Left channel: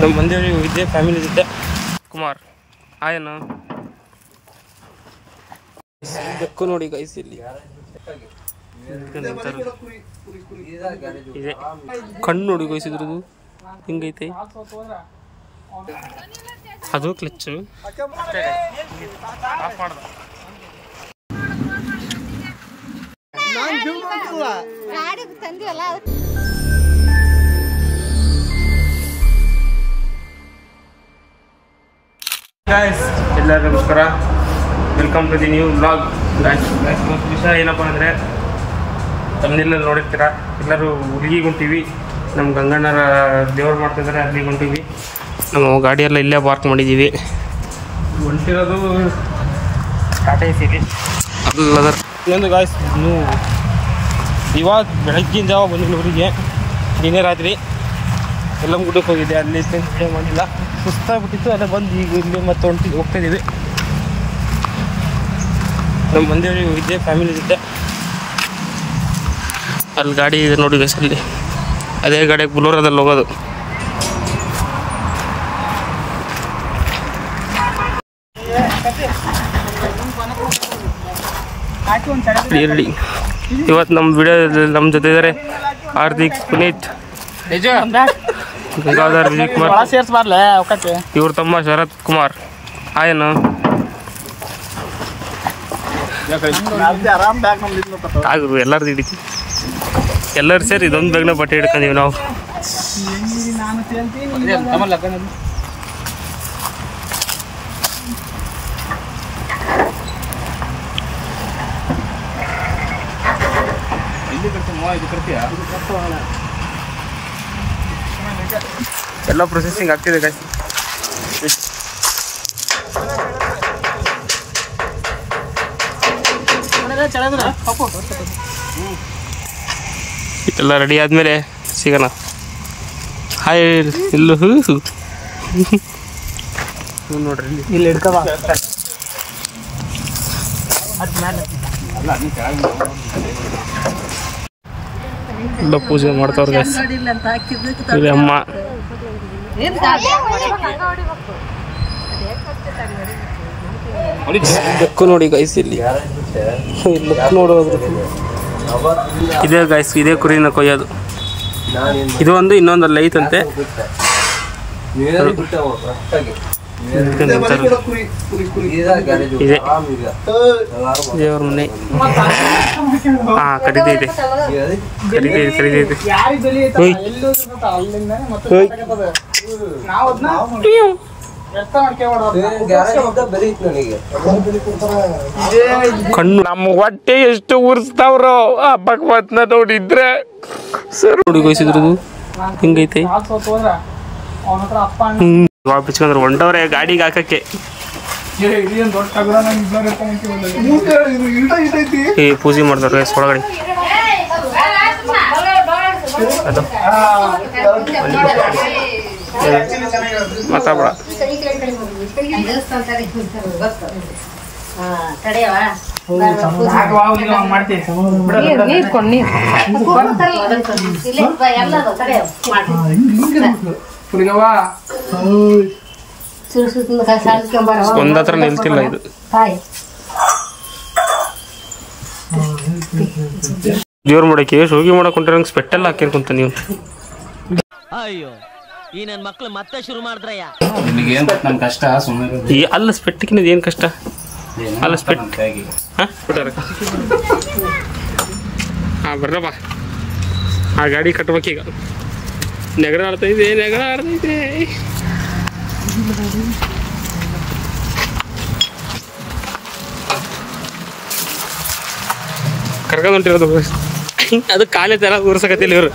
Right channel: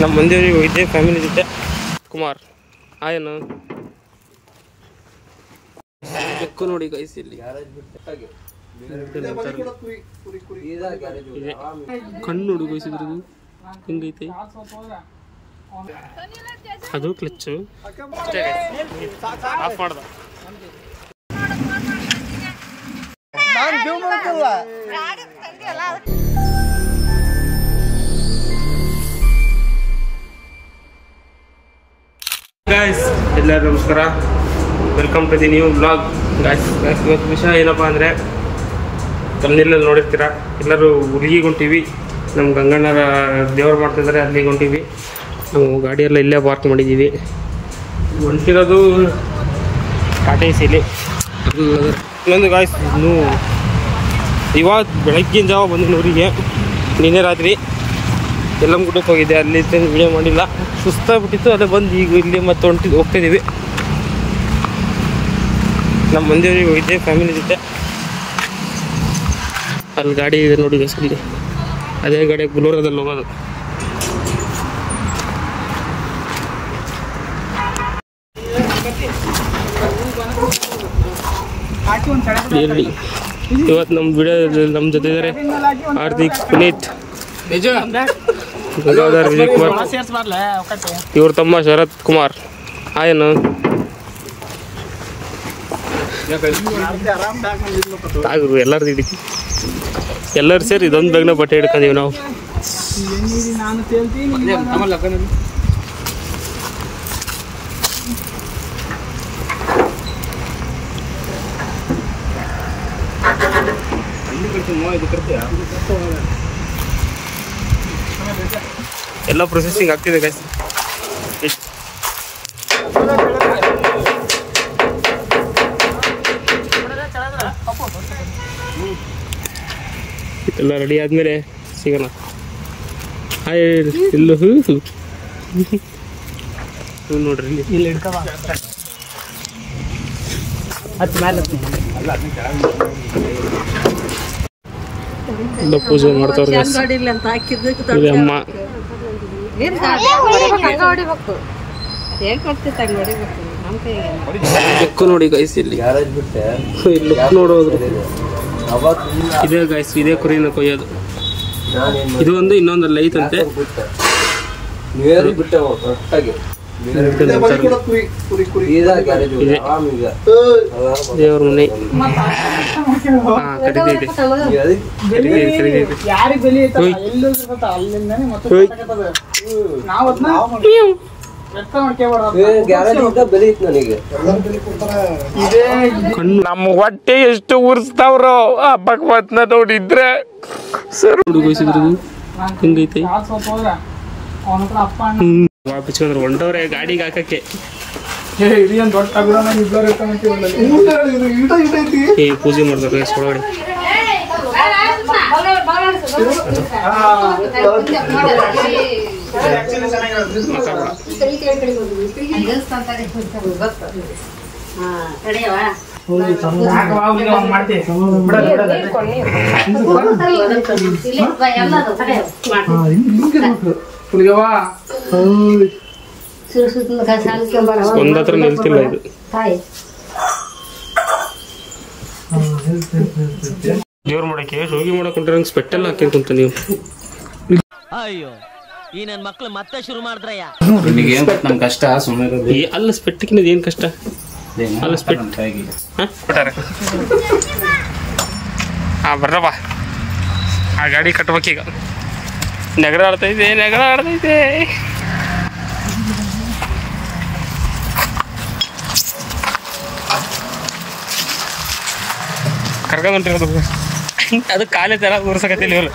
ನಮ್ಮ ಮಂದಿಯವರಿಗೆ ಹೋಗಿದ್ದೆ ಫ್ಯಾಮಿಲಿ ಜೊತೆ. ಕುಮಾರ್ ಆಯನು ಬೆಕ್ಕು ನೋಡಿ ಗೈಸ್ ಇಲ್ಲಿ ಇದೆ. ಕಣ್ಣು ನೋಡಿ ಗೈಸ್ ಇದ್ರದ್ದು ಹಿಂಗೈತೆ. ಅದು ಕ್ಲಚ್ಚು ಅಷ್ಟೇ ಆಫ್ ಮಾಡ್ದ. ಗಾಯ್ಸ್ ಎಲ್ಲರೂ ನಮಸ್ಕಾರ, welcome to the new vlog. Guys ಇವತ್ತು ವಿಷಯ ಏನಪ್ಪ ಅಂದರೆ, ತಮ್ಮನೆಲ್ಲ ನೋಡಿರ್ತೀರ, ಎಲ್ಲರೂ ಹುಲಿಗೆ ಹೊಂಟೀವಿ. ನಮ್ಮ ಗಂಗಣ್ಣರ ದೇವ್ರು ಮಾಡ್ತಿದ್ದಾರೆ, ಅಲ್ಲಿಗೆ ಹೊಂಟೀವಿ. ನಮ್ಮ ಗಾಡಿಯೆಲ್ಲ ಇಲ್ಲೇ ಪಾರ್ಕ್ ಮಾಡಿದ್ದೀವಿ. ಹೊಂಟಿರೋದು ಟಾಟಾ ಎಸಿಲಿ ಅಲ್ಲದರ. ಇನ್ನೊಂದು ಗಾಯ್ಸ್, ಇನ್ನೂ ಇವಾಗ ಬೆಳಗ್ಗಿನ ಜಾವ ಬಂದಿನಿ ಊರಿಗೆ. ನಿನ್ನೆ ರಾತ್ರಿ ಎಲ್ಲಮ್ಮ ಗುಡ್ಡಕ್ಕೆ ಹೋಗಿದ್ದೆ, ಅಲ್ಲಿ ವಿಡಿಯೋ ಮಾಡಿಲ್ಲ, ಸುಸ್ತಾಗ್ಬಿಟ್ಟಿತ್ತು. ಅಲ್ಲೇ ಬಂದು ಈಗ ಇಲ್ಲಿ ಮತ್ತೆ ಹೋಗ್ತಿದ್ದೀವಿ. ನಮ್ಮ ಮಂದಿಯವರಿಗೆ ಹೋಗಿದ್ದೆ ಫ್ಯಾಮಿಲಿ ಜೊತೆ. ಅಲ್ಲಿ ಗಾಡಿ ಇದೆ ನೋಡಿ ಗೈಸ್, ಅಲ್ಲಿ ಅದೇ ಗಾಡಿಗೆ ಬುಲೋರದಲ್ಲಿ ಹೋಗೋದು. ಇರಲಿ, ಇವತ್ತು ನಮ್ಮ ವಿಡಿಯೋ ನಮ್ಮ ಜೊತೆ ಇದ್ದಾರೆ ಹಾರ್ದಿಕ್, ಪುನೀತ್, ಗಂಗಾಧರ್, ವಿಜಯ್ ಕುಮಾರ್, ಇವ್ರ ತಮ್ಮ ಶರತ್ ಕುಮಾರ್. ಆಯನು ತಾಗು ಎಲ್ಲರದ್ದು ಹಿಡಿತೀವಿ, ಎಲ್ಲರೂ ಸೇರಿ ಇದೊಂದು ಬ್ಯಾಗ್ನ ಬಟ್ಟೆ ಹಿಡ್ಕೊಂಡೀವಿ ನಾವು. ಎಲ್ಲ ಪ್ರೊಸೆಸಿಂಗ್ ಆಗ್ತಿದೆ ಗೈಸ್. ಎಲ್ಲ ರೆಡಿ ಆದ್ಮೇಲೆ ಸಿಗೋಣ. ಹಾಯ್ ಇಲ್ಲೂ ನೋಡ್ರಿ, ಇಲ್ಲಿ ಎಲ್ಲ ಪೂಜೆ ಮಾಡ್ತಾವ್ರ ಗೈಸ್. ಇಲ್ಲಿ ಅಮ್ಮ ಬೆಕ್ಕು ನೋಡಿ ಗೈಸ್, ಇಲ್ಲಿ ಲುಕ್ ನೋಡೋದ್ರು. ಇದೇ ಗೈಸ್, ಇದೇ ಕುರಿನ ಕೊಯ್ಯೋದು. ಇದು ಒಂದು ಇನ್ನೊಂದಲ್ಲ ಐತಂತೆ, ಇದೆ ದೇವ್ರ ಮನೆ. ಹಾ ಕರೀತೈತೆ. ಕಣ್ಣು ನಮ್ಮ ಹೊಟ್ಟೆ ಎಷ್ಟು ಉರ್ಸ್ತಾವ್ರೋ ಹಬ್ಬಕ್ ಮತ್ನ ನೋಡಿದ್ರೆ ಸರ್. ನೋಡಿ ಗೊಯ್ಸಿದ್ರದು ಹಿಂಗೈತೆ. ಬಿಚ್ಕೊಂಡ್ರೆ ಹೊಂಟವ್ರೆ ಗಾಡಿಗೆ ಹಾಕಕ್ಕೆ. ಪೂಜೆ ಮಾಡ್ತಾರೆ ಒಳಗಡೆ. ಮಾತಾಡ ಒಂದತ್ರ ನಿಲ್ತಿಲ್ಲ ಇದು. ದೇವ್ರ ಮಾಡಕ್ಕೆ ಹೋಗಿ ಮಾಡಕ್ ಹೊಂಟಿರಂಗ್ ಸ್ಪೆಟ್ಟೆಲ್ಲ ಹಾಕ್ಯನ್ ಕುಂತ ನೀವು. ಅಯ್ಯೋ ಈ ನನ್ ಮಕ್ಳು ಮತ್ತೆ ಶುರು ಮಾಡಿದ್ರಯ್ಯ. ನಮ್ ಕಷ್ಟ ಸುಮ್ಮನೆ ಅಲ್ಲ ಸ್ಪೆಟ್ಟಿನ ಏನ್ ಕಷ್ಟ ಅಲ್ಲ ಸ್ಪೆಟ್ ಬಿಟ್ಟಾರೆ. ಹಾ ಬರ್ರಪ್ಪ, ಆ ಗಾಡಿ ಕಟ್ಬೇಕೀಗ. ನೆಗಡ ಆಡ್ತೈತೆ. ಕರ್ಕೊಂಡು ಹೊಂಟಿರೋದು ಅದು ಕಾಲೇ ತರ ಊರ್ಸಕತ್ತಿಲ್ಲ ಇವ್ರು.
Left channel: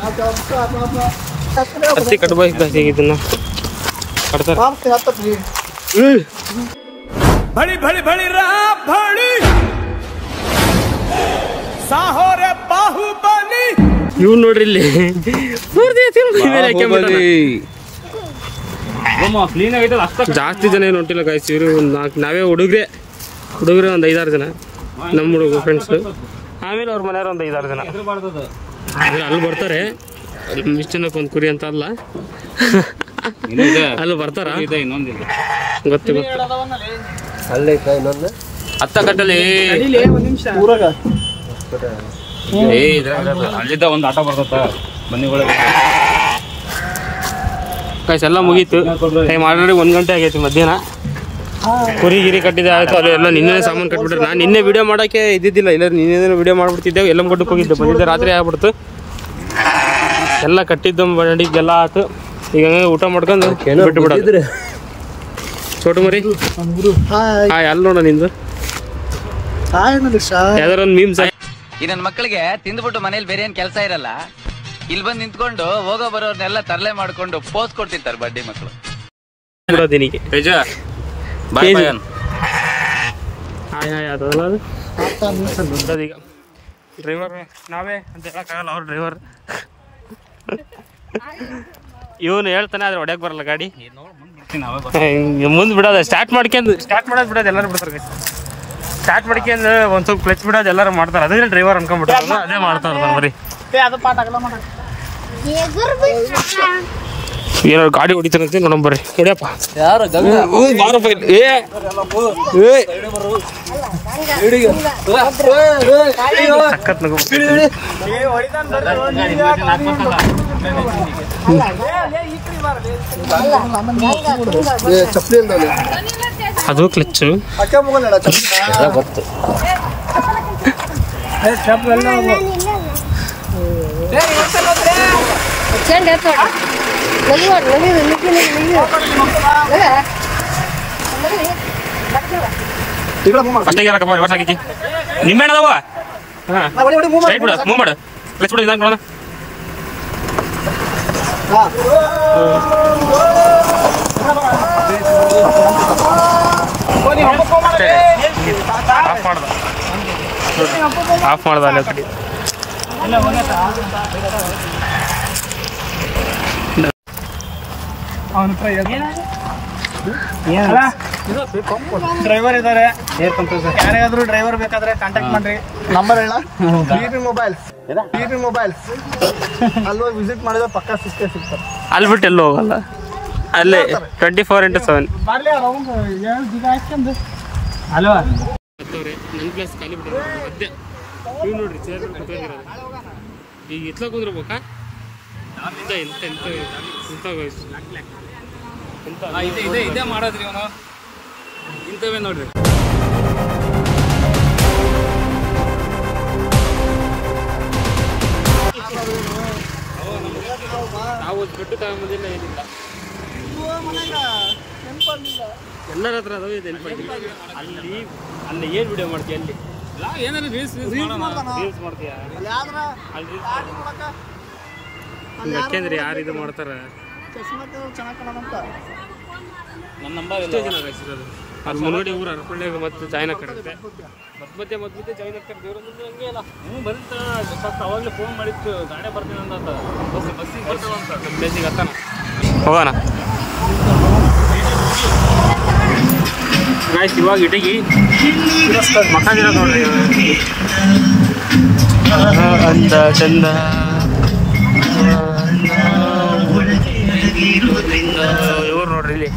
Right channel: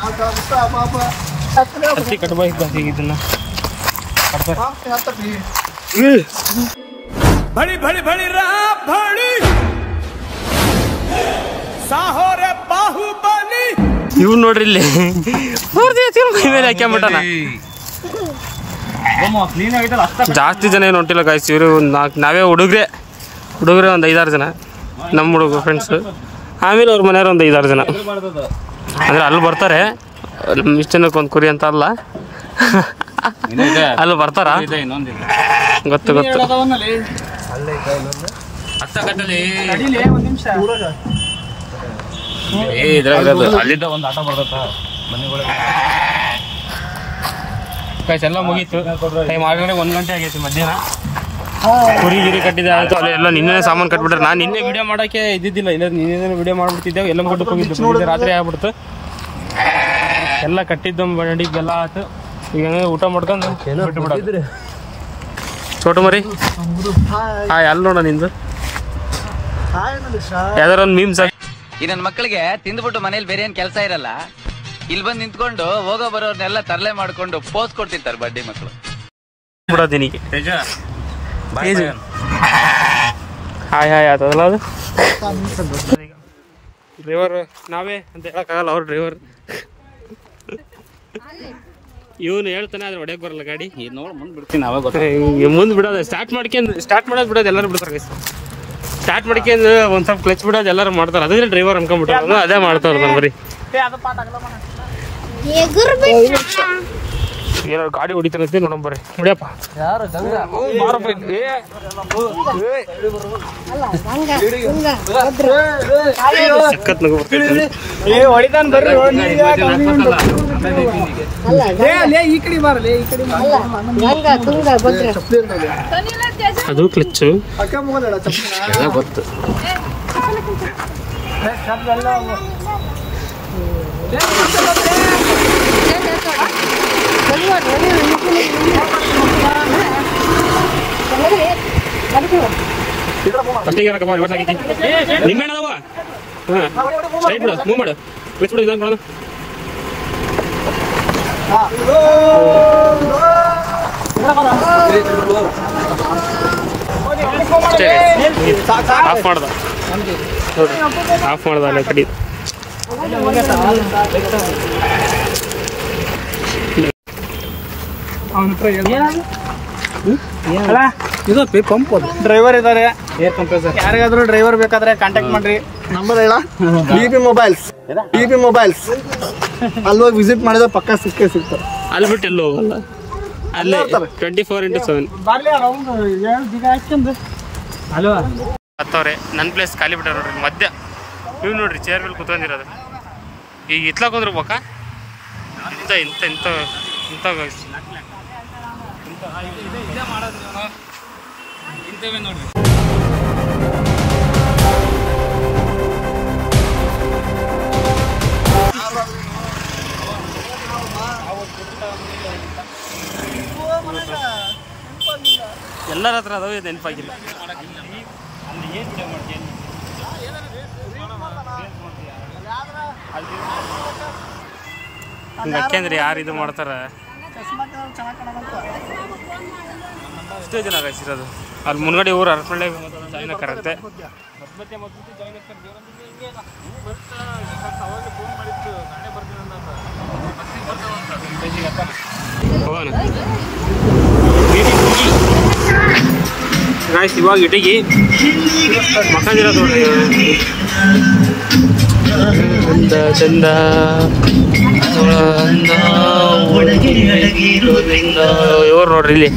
ಅತಿ ಕಟ್ಬೇಕು ಇದನ್ನ ಕಟ್ತಾರೆ. ಬಳಿ ಬಳಿ ಬಳಿ ರಾ ಬಳಿ ಸಾಹೋರೆ ಬಾಹುಬಲಿ. ಇವ್ ನೋಡ್ರಿ ಇಲ್ಲಿ ಮೇಲೆ ಹಾಕ್ಯಾಬಿಟ್ಟಾನ. ಜಾಸ್ತಿ ಜನ ಏನು ಹೊಂಟಿಲ್ಲ ಗಾಯ್ಸ್. ಇವರು ನಾವೇ ಹುಡುಗ್ರೆ ಒಂದು 5-6 ಜನ ನಮ್ಮ ಹುಡುಗ ಫ್ರೆಂಡ್ಸ್. ಆಮೇಲೆ ಅವ್ರ ಮನೆಯವ್ರು ಒಂದು 5-6 ಜನ. ಅಂದರೆ ಅಲ್ಲಿ ಬರ್ತಾರೆ. ಇಷ್ಟು ಜನಕ್ಕೆ ಒಂದು ಕುರಿ ಅಂತ ಅಲ್ಲ, ಅಲ್ಲಿ ಬರ್ತಾರ? ಇನ್ನೊಂದಿದೆ ಗೊತ್ತು ಗೊತ್ತು. ಹತ್ತ ಕಟ್ಟಲಿ ಅಲ್ಲಿದ್ದ ಒಂದು ಆಟ ಬರ್ತತ್ತ ಮನೆ ಒಳಗೆ. ಗೈಸ್ ಎಲ್ಲ ಮುಗೀತು. ಟೈಮ್ ಆಲ್ರೆಡಿ 1 ಗಂಟೆ ಆಗೈತಿ ಮಧ್ಯಾಹ್ನ. ಕುರಿ ಗಿರಿ ಕಟ್ಟಿದೆ ಆಯಿತು. ಅದೆಲ್ಲ ನಿನ್ನೆ ಸಾಮಾನು ಕಟ್ಬಿಟ್ರೆ ನಾನು ನಿನ್ನೆ ವಿಡಿಯೋ ಮಾಡೋಕ್ಕೆ ಇದ್ದಿದ್ದಿಲ್ಲ. ಇಲ್ಲ ನಿನ್ನೆ ವಿಡಿಯೋ ಮಾಡ್ಬಿಡ್ತಿದ್ದೆವು. ಎಲ್ಲ ಕೊಟ್ಟು ಹೋಗಿದ್ದೆ. ಬಂದಿದ್ದೆ ರಾತ್ರಿ ಆಗ್ಬಿಡ್ತು. ಎಲ್ಲ ಕಟ್ಟಿದ್ದು ಮಾಡಿದ್ದೆಲ್ಲ ಆಯ್ತು. ಈಗ ಊಟ ಮಾಡ್ಕೊಂಡು ಬಿಟ್ಟು ಬಿಡೋದು. ಚೋಟು ಮರಿ ಹಾಯ್ ಅಲ್ಲಿ ನೋಡ ನಿಂದು ಯಾವ್ದಾರ ಒಂದು ಮೀಮ್ಸ್. ಈ ನನ್ನ ಮಕ್ಕಳಿಗೆ ತಿಂದ್ಬಿಟ್ಟು ಮನೇಲಿ ಬೇರೆ ಏನ್ ಕೆಲಸ ಇರಲ್ಲ, ಇಲ್ಲಿ ಬಂದು ನಿಂತ್ಕೊಂಡು ಹೋಗೋ ಬರೋರ್ನೆಲ್ಲ ತರಲೆ ಮಾಡ್ಕೊಂಡು ಪೋಸ್ ಕೊಡ್ತಿರ್ತಾರೆ ಬಡ್ಡಿ ಮಕ್ಕಳು. ಬಿಡೋದಿನಿಗೆ ಹಾಯ್ ಹಾಯ್ ಆತದಲ್ಲ ಅದು. ಈಗ ಡ್ರೈವರ್ ನಾವೇ ಅಂತ ಹೇಳಕ್ಕಾಗಲ್ಲ, ಅವ್ರ ಡ್ರೈವರ್. ಇವನು ಹೇಳ್ತಾನೆ ಆದ್ರೆ ಹೊಡ್ಯಕ್ಕೆ ಬರಲ್ಲ ಗಾಡಿ. ನೋಡಿ ಮುಂದೆ ಬಿಡ್ತೀನಿ ಅವಾಗ ಮುಂದೆ ಬಿಡೋದು ಸ್ಟಾರ್ಟ್ ಮಾಡೋದು ಬಿಡೋದು ಎಲ್ಲರೂ ಬಿಡ್ತಾರೆ. ಸ್ಟಾರ್ಟ್ ಮಾಡ್ಕೊಂಡು ಒಂದು ಸ್ವಲ್ಪ ಕ್ಲಚ್ ಬಿಡೋದು ಎಲ್ಲರೂ ಮಾಡ್ತಾರೆ. ಅದೇ ಡ್ರೈವರ್ ಅನ್ಕೊಂಡ್ಬಿಟ್ಟ ಅವನು ಅದೇ ಮಾಡ್ತಾ ಇರ್ತಾನೆ ಬರೀ. ಏನಾದ್ರು ಗಾಡಿ ಹೊಡಿತಾರಂತೆ ನೋಡೋಣ ಬರ್ರಿ. ಹೊಡಿಯಪ್ಪ ಸಖತ್ ನಗು. ಅದು ಕ್ಲಚ್ಚು ಎಲ್ಲ ಗೊತ್ತು. ಫಸ್ಟಿಗೆ ರಿವರ್ಸ್ ಹಾಕಿ ನಿಂಬೆ ಅದಾವ. ಹಾಂ ಸ್ಟ್ರೈಟ್ ಬಿಡು, ಮೂವ್ ಮಾಡು, ಕ್ಲಚ್ ಬಿಡು. ಇದಂಗೆ ನೋಡೋಣ. ಅಷ್ಟೇ ಆಫ್ ಮಾಡ್ದ ಅಲ್ಲೇ ಕಡಿ. ಅವನ ಹತ್ರ ಡ್ರೈವರ್ ಇದ್ದಾರೆ. ಯಾರಿಗಾದ್ರೂ ಡ್ರೈವರ್ ಬೇಕಾದ್ರೆ ಕಾಂಟ್ಯಾಕ್ಟ್ ಮಾಡ್ರಿ. ನಂಬರ್ ಹೇಳ. BB ಮೊಬೈಲ್ಸ್ ಅಲ್ಲಿ ವಿಸಿಟ್ ಮಾಡಿದ್ರೆ ಪಕ್ಕ ಸಿಗ್ತಾರೆ. ಅಲ್ಲಿ ಬಿಟ್ಟು ಎಲ್ಲೂ ಹೋಗಲ್ಲ. ಅಲ್ಲೇ 24/7 ಅಲ್ವಾ ಹತ್ತವ್ರೆ. ನನ್ನ ಪ್ಲೇಸ್ ಖಾಲಿ ಬಿಟ್ಟಾರ ನೋಡ್ರಿ. ಮಧ್ಯ ಇವ್ ನೋಡ್ರಿ ಚೇರ್ ಮೇಲೆ ಕುತ್ಕೊಂಡಿರೋದು. ಈಗ ಇತ್ಲಾಕ್ ಹೋದ್ರಬೇಕಾ ಇಂಥ ಇಂಥ ಇಂಥ ಇಂಥ ಇದೇ ಮಾಡೋದ್ರಿ ಅವನು ಇಂಥವೇ ನೋಡ್ರಿ. ನಾವು ಬಿಟ್ಟು ತಗೊಂಬೋದಿಲ್ಲ, ಏನಿಲ್ಲ. ಎಲ್ಲರ ಹತ್ರ ಅದಾವ, ನೆನಪಾಗಿಲ್ಲ. ಅಲ್ಲಿ ಏನು ವಿಡಿಯೋ ಮಾಡ್ತೀಯ? ಅಲ್ಲಿ ರೀಲ್ಸ್ ಮಾಡ್ತೀಯಾ? ಅಲ್ಲಿ ಯಾಕೆಂದ್ರೆ ಯಾರು ಇದು ಮಾಡ್ತಾರ? ಎಷ್ಟೋ ಜನ ಕಾಯಿಸಿರೋದು ಅಲ್ಲಿ ಮುನ್ಗಡೆ ಊರು ಅರಪಳ್ಳಿ ಮತ್ತು ಜಾಯ್ನ್ ಹಾಕಾರಂತೆ. ಮಧ್ಯ ಜಾಯ್ನ್ ಹಾಕ್ತಾರೆ. ದೇವರಲ್ಲಿ ಹಂಗೆ ಅಲ್ಲ ಅವಾಗಲೇ ಫೋನ್ ಮಾಡಿತ್ತು ಗಾಡಿ ಬರ್ತೀನಿ ಅಂತ. ನಮ್ಮ ಪ್ಲೇಸಿಗೆ ಹತ್ತಾನ ಹೋಗೋಣ. ಗಾಯ್ಸ್ ಇವಾಗ ಇಟಗಿ ಮಕ್ಕಂದಿರೋದು ನೋಡ್ರಿ. ಅಂದ ಚಂದ ಇವ್ರು ನೋಡ್ರಿ ಇಲ್ಲಿ.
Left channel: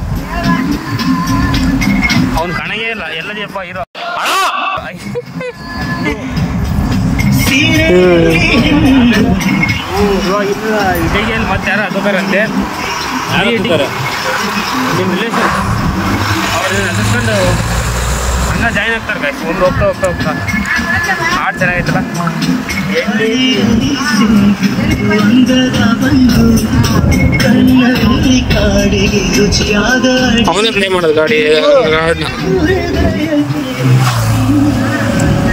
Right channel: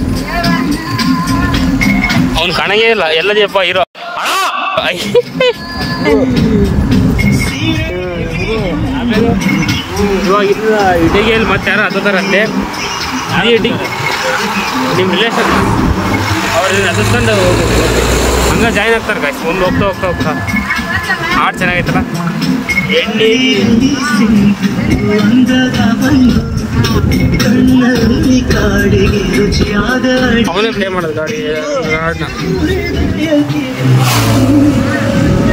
ಅವ್ನು ಕಾಣಂಗೇ ಇಲ್ಲ. ಎಲ್ಲದಪ್ಪ ಇರೋ ಇವಾಗ ಇಟಗಿಯಲ್ಲಿ ಮತ್ತೆ ಯಾರು ಹತ್ತಾರಂತೆ. ನಿಮ್ಮ ರಿಲೇಷನ್ ಅವ್ರನ್ನ ಹತ್ತಿಸ್ಕೊಂಡು ಹೋಗ್ಬೇಕು. ಹಂಗೆ ಜಾಯ್ನ್ ಆಗ್ತಾರೆ ಗಾಯ್ಸ್. ಒಂದು ಹೋಗ್ತಾ ಹಾಡು ಚೆನ್ನಾಗೈತಲ್ಲ. ಎಣ್ಣೆ ಅವನೇ ಪ್ಲೇ ಮಾಡೋದು ಗಾಡಿ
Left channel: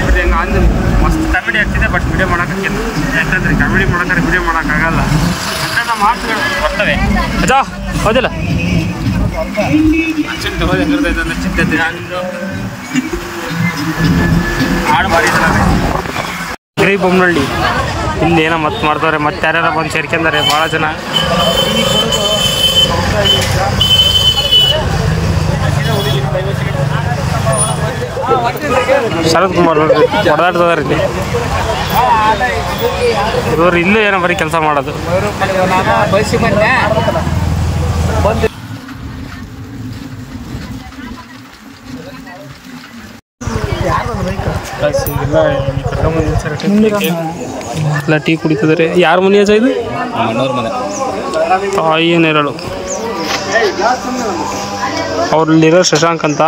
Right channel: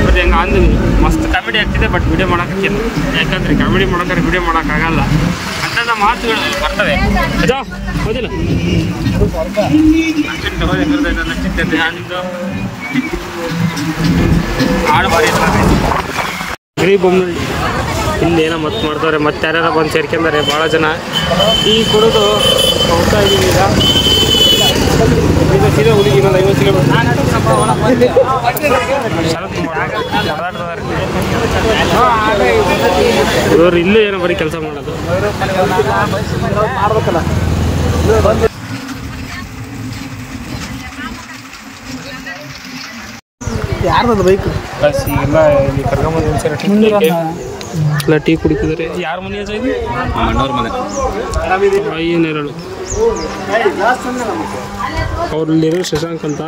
ಬರೀ ಹಂಗೆ ಅಂದು ಮಸ್ತ್ ಕಾಮಿಡಿ ಆಗ್ತಿದೆ. ಬಟ್ ವಿಡಿಯೋ ಮಾಡೋಕ್ಕಿಲ್ಲ, ಯಾಕಂದ್ರೆ ಕಾಮಿಡಿ ಮಾಡೋಕ್ಕಾರೆ ವಿಡಿಯೋ ಮಾಡೋಕ್ಕಾಗಲ್ಲ. ಅಂಥ ಮಾತುಗಳು ಬರ್ತವೆ. ಅದಾ ಹೌದಿಲ್ಲ? ಹಾಡು ಭಾರಿ ಗಿರಿ ಬೊಮ್ಮನಹಳ್ಳಿ. ಇಲ್ಲಿ ಏನೋ ಮತ್ತೆ ಮಾಡ್ತಾರೆ. ಮತ್ತೆ ಯಾರ್ಯಾರ ಬಂದು ಸೇರ್ಕೊಂಡಾರೆ ಭಾಳ ಜನ. ಈ ಕೊಡೋದು ಹೋಗ್ತಾ ಇದ್ದೀವಿ ಈಗ. ಸೀದಾ ಹುಡುಗಿ ಇನ್ನೊಂದು 50 ಕಿಲೋಮೀಟ್ರ್. ಶರತ್ ಕುಮಾರ್ ಹೊಡೆದಾಡ್ತದಾರ ಇಲ್ಲಿ. ಇವರು ಇಲ್ಲೂ ಏನೋ ಬರೀ ಕೆಲಸ ಮಾಡೋದು. ಈಗೆಲ್ಲ ಇಲ್ಲಿ ಕರ್ಕೊಂಬಂದು ನಿಲ್ಸಾರೆ ಎಲ್ಲ ಟೀ ಕುಡಿತಿದ್ದಾರೆ. ಯಾರ ಮನೆ ಇದು? ಮಣ್ಣವ್ರ ಮನೆ. ಏನು ಹೇಳೋಳು ಅವ್ರಲ್ಲಿರೋ ಶಶಾಂಕ್ ಅಂತ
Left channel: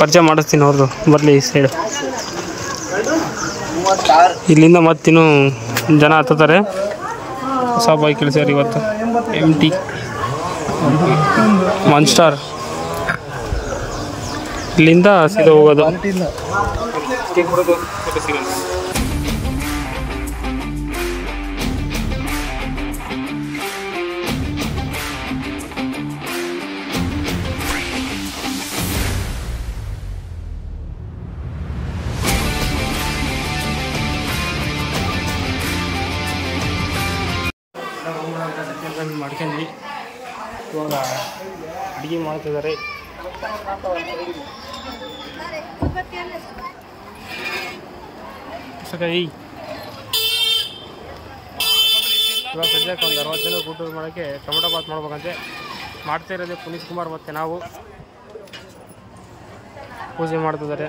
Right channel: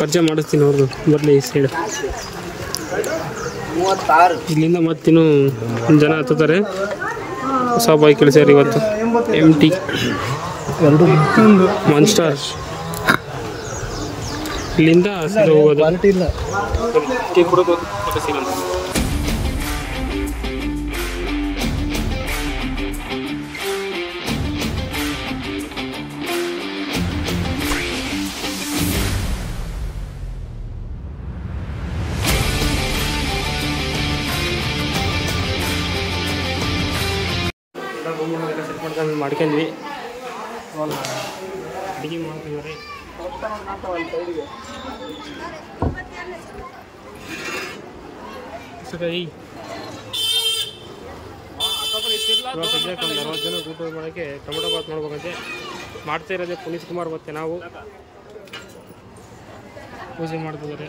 ಪರಿಚಯ ಮಾಡಿಸ್ತೀನಿ. ಅವ್ರದ್ದು ಬರಲಿ ಈ ಸೈಡ್. ಇಲ್ಲಿಂದ ಮತ್ತಿನ್ನೂ ಜನ ಹತ್ತಾರೆ. ಹೊಸ ಬೈಕ್ ಇಳಿಸ್ಯಾರ ಇವತ್ತು. MT monster. ಇಲ್ಲಿಂದ ಸೀದಾ ಹೋಗೋದು. ರೂಮ್ಗಳೆಲ್ಲ ಸೆಟ್ ಮಾಡ್ಕೊಂಡ್ವಿ. ಇವಾಗ ಅಡುಗೆ ಮಾಡ್ತಿದ್ದಾರೆ. ಇವಾಗ ಸದ್ಯಕ್ಕೆ ಒಂದು 60 ಜನ ಊಟ ಮಾಡೋಕ್ಕೆ ಟೊಮೊಟೊ ಬಾತ್ ಮಾಡ್ಬೇಕಂತೆ. ಮಾಡ್ತಾ ಇರೋದೇ ಪುನೀತ್ ಕುಮಾರ್ ಮತ್ತು ನಾವು. ಪೂಜೆ ಮಾಡ್ತಿದ್ದಾರೆ.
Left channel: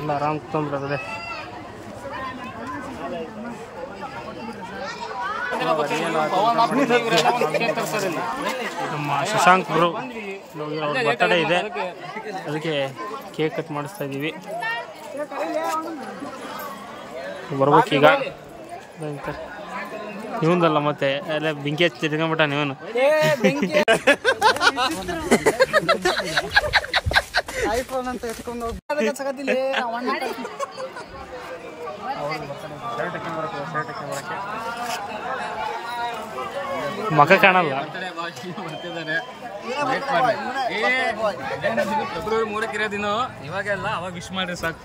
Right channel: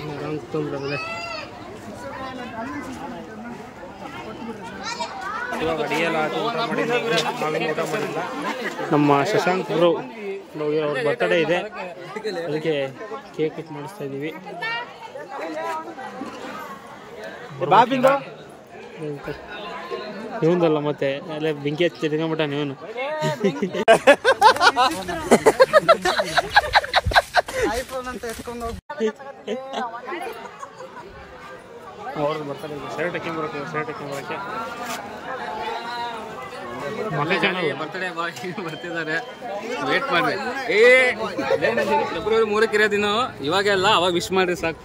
ಎಲ್ಲ ಆರಾಮ್ ಕುತ್ಕೊಂಡ್ಬಿಡ್ತದೆ. ಇವಾಗ ಅಡುಗೆ ಎಲ್ಲ ಊಟ ಮಾಡಿದ್ದೀವಿ. ನಾವೇನು ಊಟ ಮಾಡಿಲ್ಲ. ನಮ್ಮ ಶಶಾಂಕ್ ಬ್ರೋ ಅವ್ರ ಬರ್ತಡೇ ಇದೆ, ಅದಕ್ಕೆ ಕೇಕ್ ಕಟ್ ಮಾಡಿಸ್ತಾ ಇದ್ದೀವಿ. ಬರ್ಬೇಕೀಗ. ನೀವಂದಲ್ಲ ಮತ್ತೆ ಅಲ್ಲೇ ಬೆಂಕಿ ಹಚ್ಚಿ ತಿರ್ಕೊಂಬಿಟ್ಟ ನೀವನು. ಬರ್ತಡೇ ಇದೆ. ಶರ್ಟ್ ಹಾಕ್ಯಂಬರಕ್ಕೆ ಮಗ ಕಾಣಲ್ಲ. ಬರ್ತಿದ್ದಾರೆ. ವೇಟ್ ಮಾಡಿ. ಫೆಬ್ರವರಿ 3ಕ್ಕೆ ಇರೋ ದಿನ ಇವಾಗೆಲ್ಲ ಅವಾಗ ವಿಶ್ ಮಾಡಿ ಸಾಕು.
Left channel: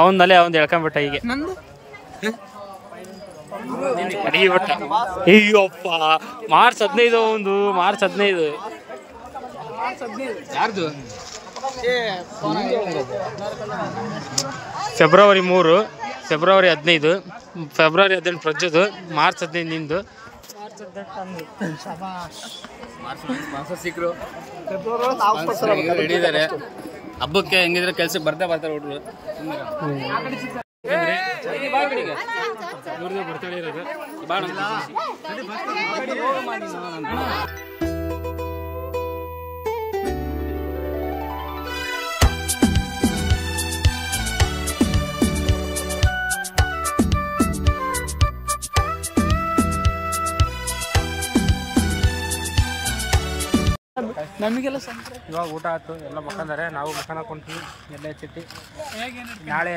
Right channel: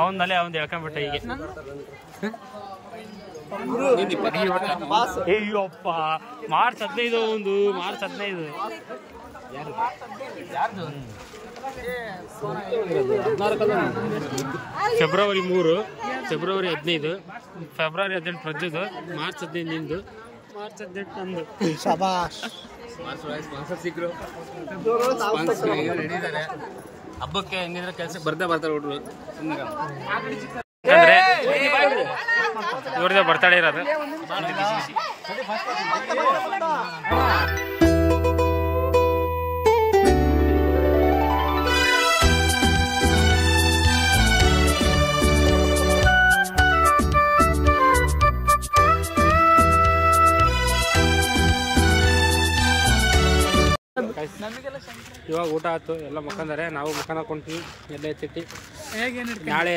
ಅವನಲ್ಲೇ ಅವನು ಎಳ್ಕೊಂಬಿಟ್ಟ ಹೀಗೆ. ಅಯ್ಯಪ್ಪ, ಮಾರ್ಚ್ 15 ಒಂದು. ಮಾರ್ಚ್ 15 ಯಾರ್ದು? ಫೆಬ್ರವರಿ 3, ಫೆಬ್ರವರಿ 15, ಫೆಬ್ರವರಿ 18 ಪ್ರಜ್ಜದು, ಮಾರ್ಚ್ 15 ನಿಂದು, ಮಾರ್ಚ್ 18 ನಂದು. ಸ್ಪಾನ್ಸರ್ ಸಿಕ್ಕರು, ಹಿಡಿದಾರೆ. ಹಬ್ಬಕ್ಕೆ ಹೆಂಗಿದ್ರೆ ಕೆಲ್ಸಕ್ಕೆ ಬರ್ತಾರೆ ಹುಡುಗರು. ಯಾಕಂದ್ರೆ ಇವ್ರದೇ ಬರ್ತಡೇ ಇರೋದು. ಇವಾಗ ಊಟ ಆಯ್ತು, ಎಲ್ಲ ಮಕ್ಕಂದಾರೆ. ನಾವು ಮಕ್ಕನ ಹಾಕೊಂಡ್ವಿ ಎಲ್ಲ ಎತ್ತಿಟ್ಟು. ನಾಳೆ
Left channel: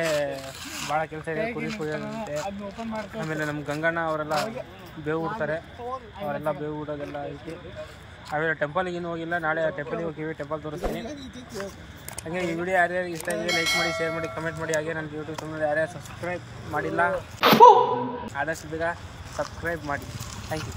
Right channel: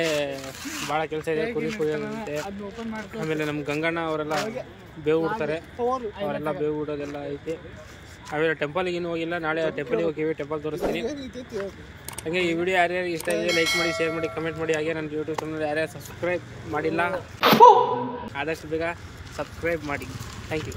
ಭಾಳ ಕೆಲಸ ಇದೆ. ಕುರಿ ಕುಯ್ಯೋದಂತೆ. ಆಮೇಲೆ ನಮ್ಮ ಗಂಗಣ್ಣ ಅವರೆಲ್ಲ ಬೇವು ಬಿಡ್ತಾರೆ. ಅವರೆಲ್ಲ ಬೇವು ಬಿಡೋದೆಲ್ಲ ಐತಿ. ಆಮೇಲೆ ಟೆಂಪಲ್ಗೆ ಇನ್ನೂ ಹೋಗಿಲ್ಲ. ನಾಳೆ ಟೆಂಪಲ್ಗೆ ಹೋಗಿವಿ. ಟೆಂಪಲ್ ತೋರಿಸ್ತೀನಿ. ಹಾಗೆ ಈ ವಿಡಿಯೋ ಯಾರ್ಯಾರಿಗೆ ಇಷ್ಟ ಇದೆ ಲೈಕ್ ಮಾಡಿ, ಶೇರ್ ಮಾಡಿ, ಕಮೆಂಟ್ ಮಾಡಿ. ಹಾಗೆ ನನ್ನ ಯೂಟ್ಯೂಬ್ ಚಾನಲ್ ಯಾರ್ಯಾರು ಸಬ್ಸ್ಕ್ರೈಬ್ ಮಾಡಿಲ್ಲ ಆದಷ್ಟು ಬೇಗ ಸಬ್ಸ್ಕ್ರೈಬ್ ಮಾಡಿ. Thank you.